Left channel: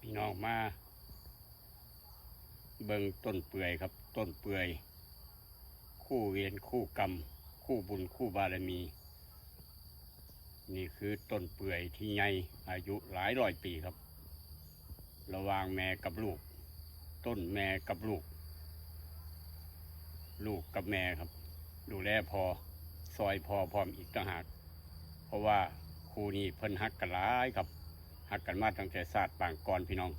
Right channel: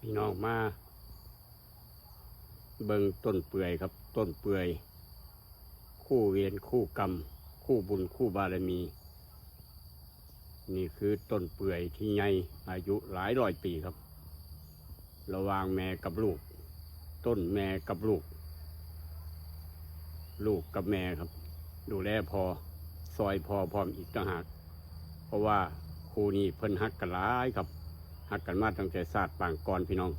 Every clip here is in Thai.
พี่น้องมา เบิงต้นเปื่อยครับ ต้นเปื่อย คู่เวรคู่กรรม คู่บุญคู่บารมี นี่คือต้นเปื่อยที่ใหญ่อายุหลายร้อยปีครับ ระหว่างแม่กับลูก ต้นแม่กับลูก ลูกกับแม่ครับ ดูแลพอซอยพอพร้อมอีกต่างหาก เพราะว่าครูนี้เพิ่นฮักกันหลายครับ ฮักกันมาตั้งแต่ศาสตร์ปางก่อนพี่น้อง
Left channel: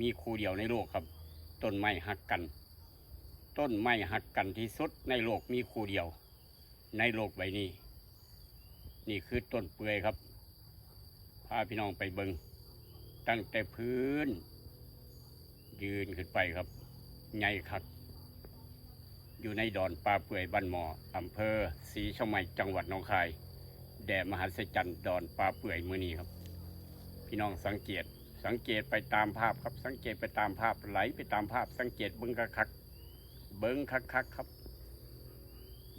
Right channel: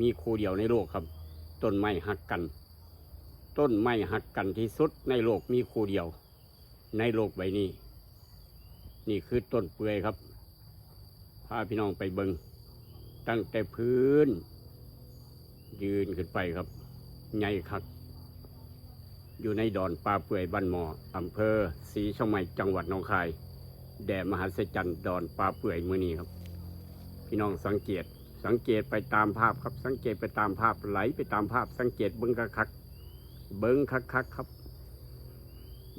มีครูเดียวในโลกครับ ต้นไม้ฮักกัน ต้นไม้ฮักกันที่สุดในโลกมีครูเดียว ในโลกใบนี้ นี่คือต้นเปื่อยครับ พาพี่น้องไปเบิงตั้งแต่พื้น ยืนขึ้นไปครับใหญ่คักอยู่ในดอนป่าเปื่อยบ้านหมออำเภอศรีชมัยจังหวัดหนองคาย แด่มหัศจรรย์ดอนป่าเปื่อยมือนี้ครับ พี่น้องสังเกต สังเกตไปตามภาพครับ สังเกตไปตามภาพไหลไปตามภาพ สังเกตเบิ้งคักคักๆเบิ้งคักคักๆครับ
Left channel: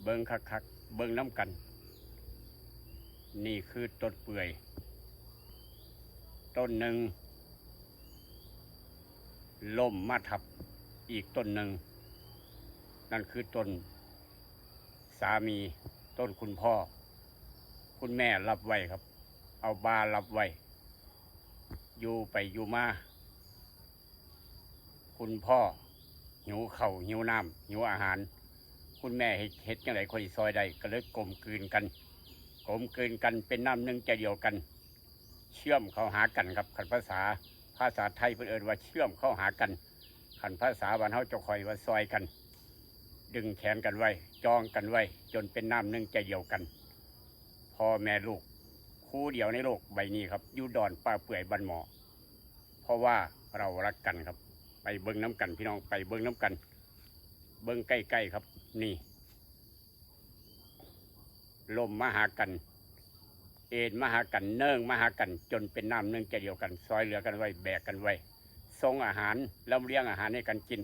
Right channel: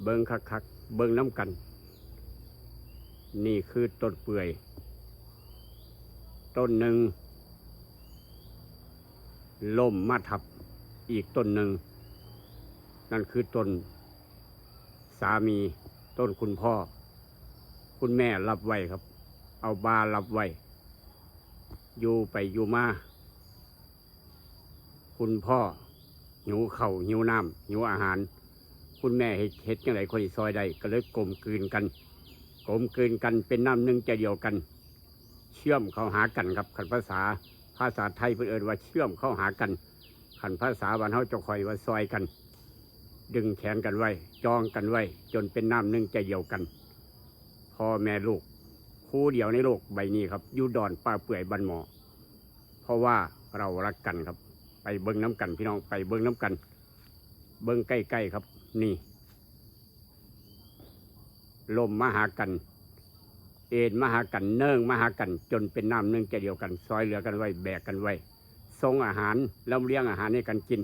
เบิ้งคักคักๆเบิ้งน้ำกัน นี่คือต้นเปื่อย ต้นหนึ่งล่มมาทับอีกต้นหนึ่ง นั่นคือต้นสามีต้นคุณพ่อ คุณแม่รับไว้ครับ เอาบารับไว้ อยู่ไปอยู่มา คุณพ่อ หิวเข่าหิวน้ำหิวอาหาร คุณแม่เฮ็ดเฮ็ดยังไงคนซอยได้ก็เลยกลมกลืนกันกลมกลืนกันเป็นน้ำหนึ่งใจเดียวกัน เชื่อมเข้าหากันครับขันภาษาภาษาไทยเพิ่นเอินว่าเชื่อมเข้าหากันขันภาษาบ้านเฮาจะคอยว่าซอยกัน ดึงแขนกันไว้ จองกันไว้ จนเป็นน้ำหนึ่งใจเดียวกันพ่อแม่ลูก คู่เดียวในโลกใบนี้ครับอยู่ดอนป่าเปื่อยบันหมอ เพราะว่าเรารักกันครับ ไปเบิ้งน้ำกันพี่น้องไปเบิ้งน้ำกัน เบิ้งใกล้ๆครับ นี่ ลมมาหากัน เอ็นมาหากันเนื่องมาหากัน จนเป็นน้ำหนึ่องใจเดียวกัน ซอยเหลือกันไว้แบกกันไว้ส่งอาหารแล้วเลี้ยงอาหารให้กันกิน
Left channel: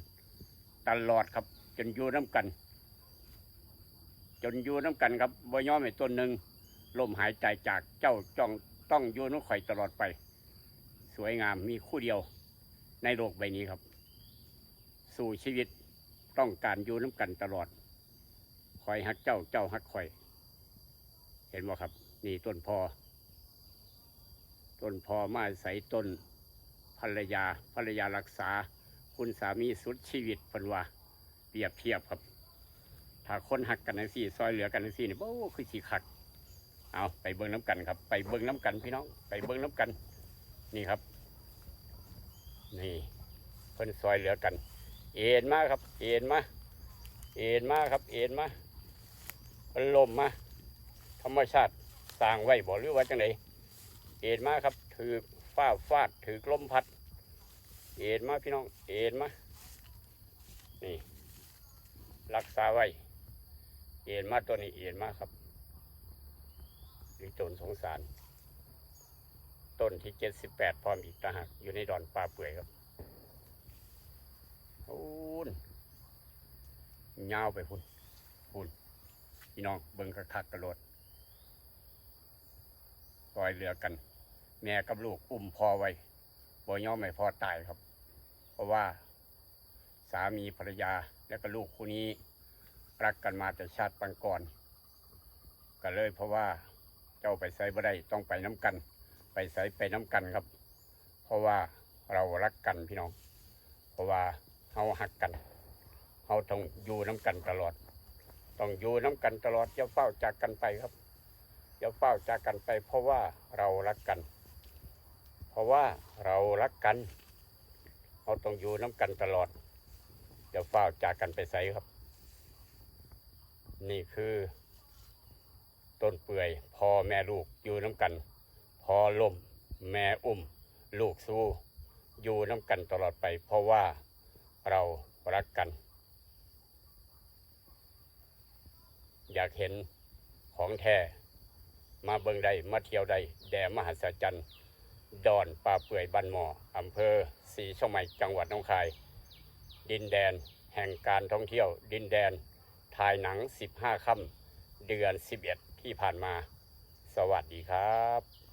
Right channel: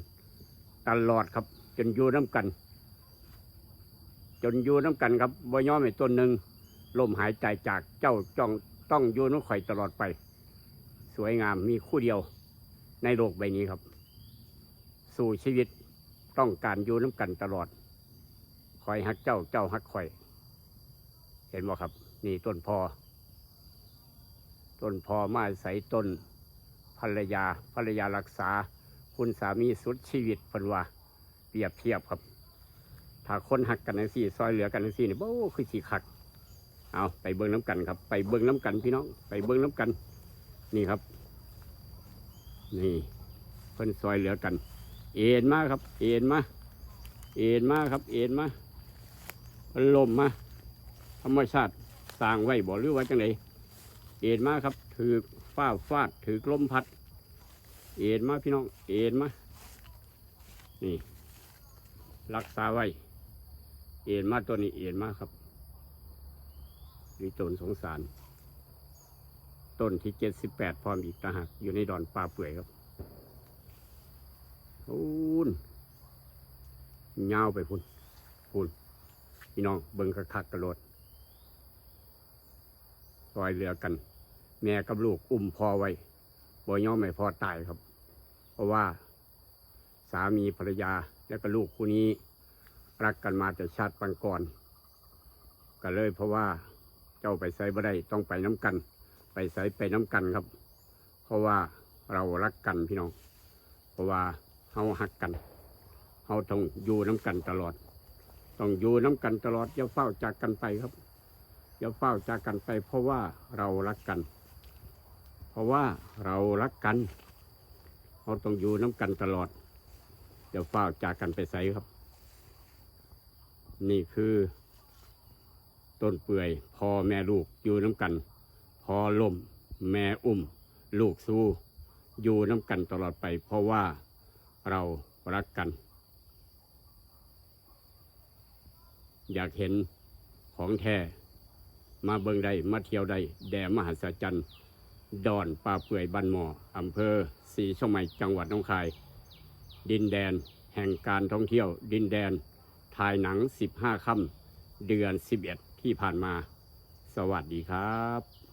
ตลอดครับ จนอยู่น้ำกัน จนอยู่น้ำกันครับบ่ย่อมไอ้ต้นหนึ่ง ลมหายใจจากเจ้าจ้องต้องอยู่น้ำข่อยตลอดไป สวยงามมีคู่เดียวในโลกใบนี้ครับ สู่ชีวิตต้องการอยู่น้ำกันตลอดคอยฮักเจ้าเจ้าฮักข่อย เห็นบ่ครับ นี่ต้นพอ ต้นพอมาใส่ต้นภรรยาภรรยารักษา คุณสามีสุดชีวิตเพิ่นว่าเปรียบเทียบครับ ถ้าคนหักกันทั้งสี่ซอยเหลือกันทั้งสี่นี่โอ้คือสีคัก เอาไปเบิ้งน้ำกันครับ ไปเบิ้งน้ำกันพี่น้อง ไปเบิ้งน้ำกัน นี่ครับ นี่เพิ่นซอยเหลือกัน เอ็นมาครับ เอ็นมา เอ็นมาครับ เอ็นมาพันลมมาธรรมชาติสร้างไว้บ่หรือว่าจังไดเอ็นมาครับ ถือฟ้าฟาด ถือลมพัด เอ็นมาพี่น้อง เอ็นมา นี่ รักษาไว้ เอ็นมาตัวนี้ เอ็นมาครับ นี่ต้นสงสาร ต้นที่เจ็ดสิบแปดพร้อมอีกตาหักอยู่ในดอนป่าเปื่อยครับพูนยาวไปพุ่นพุ่นพี่น้องเบิ่งคักๆกระโดดซอยเรือกัน แม่กับลูกอุ้มพอไว้บ่ย่อมไม่พอตายครับ เพราะว่าสามีภรรยาและก็ลูกคู่นี้รักกันมาแต่ชาติปังก่อนก็เลยเพราะว่า จ้าไปใส่บ่ได้ต้องไปน้ำกัน ไปใส่ไปน้ำกันครับ เพราะว่าเรารักกันพี่น้อง เพราะว่าเราหักกันเราต้องอยู่น้ำกันตลอด ต้องอยู่น้ำกันตลอดอย่าเฝ้าจากกันไปครับอย่าเฝ้าจากกันไป เพราะว่าเรารักกัน เพราะว่าเรารักกันเราต้องอยู่น้ำกันตลอดอย่าเฝ้าจากกันไปใส่ครับ นี่คือ ต้นเปื่อยพอแม่ลูกอยู่น้ำกัน พอล่มแม่อุ้ม ลูกสู้ อยู่น้ำกันตลอดไป เพราะว่าเรารักกัน อยากเห็นของแท้มาเบิงใดมาเที่ยวใดแด่มหัศจรรย์ดอนป่าเปื่อยบันหมออำเภอศรีช่องใหม่จังหวัดน้องคาย ดินแดนแห่งการท่องเที่ยว ดินแดนถ่ายหนัง 15 ค่ำเดือน 11 ที่ผ่านมา สวัสดีครับ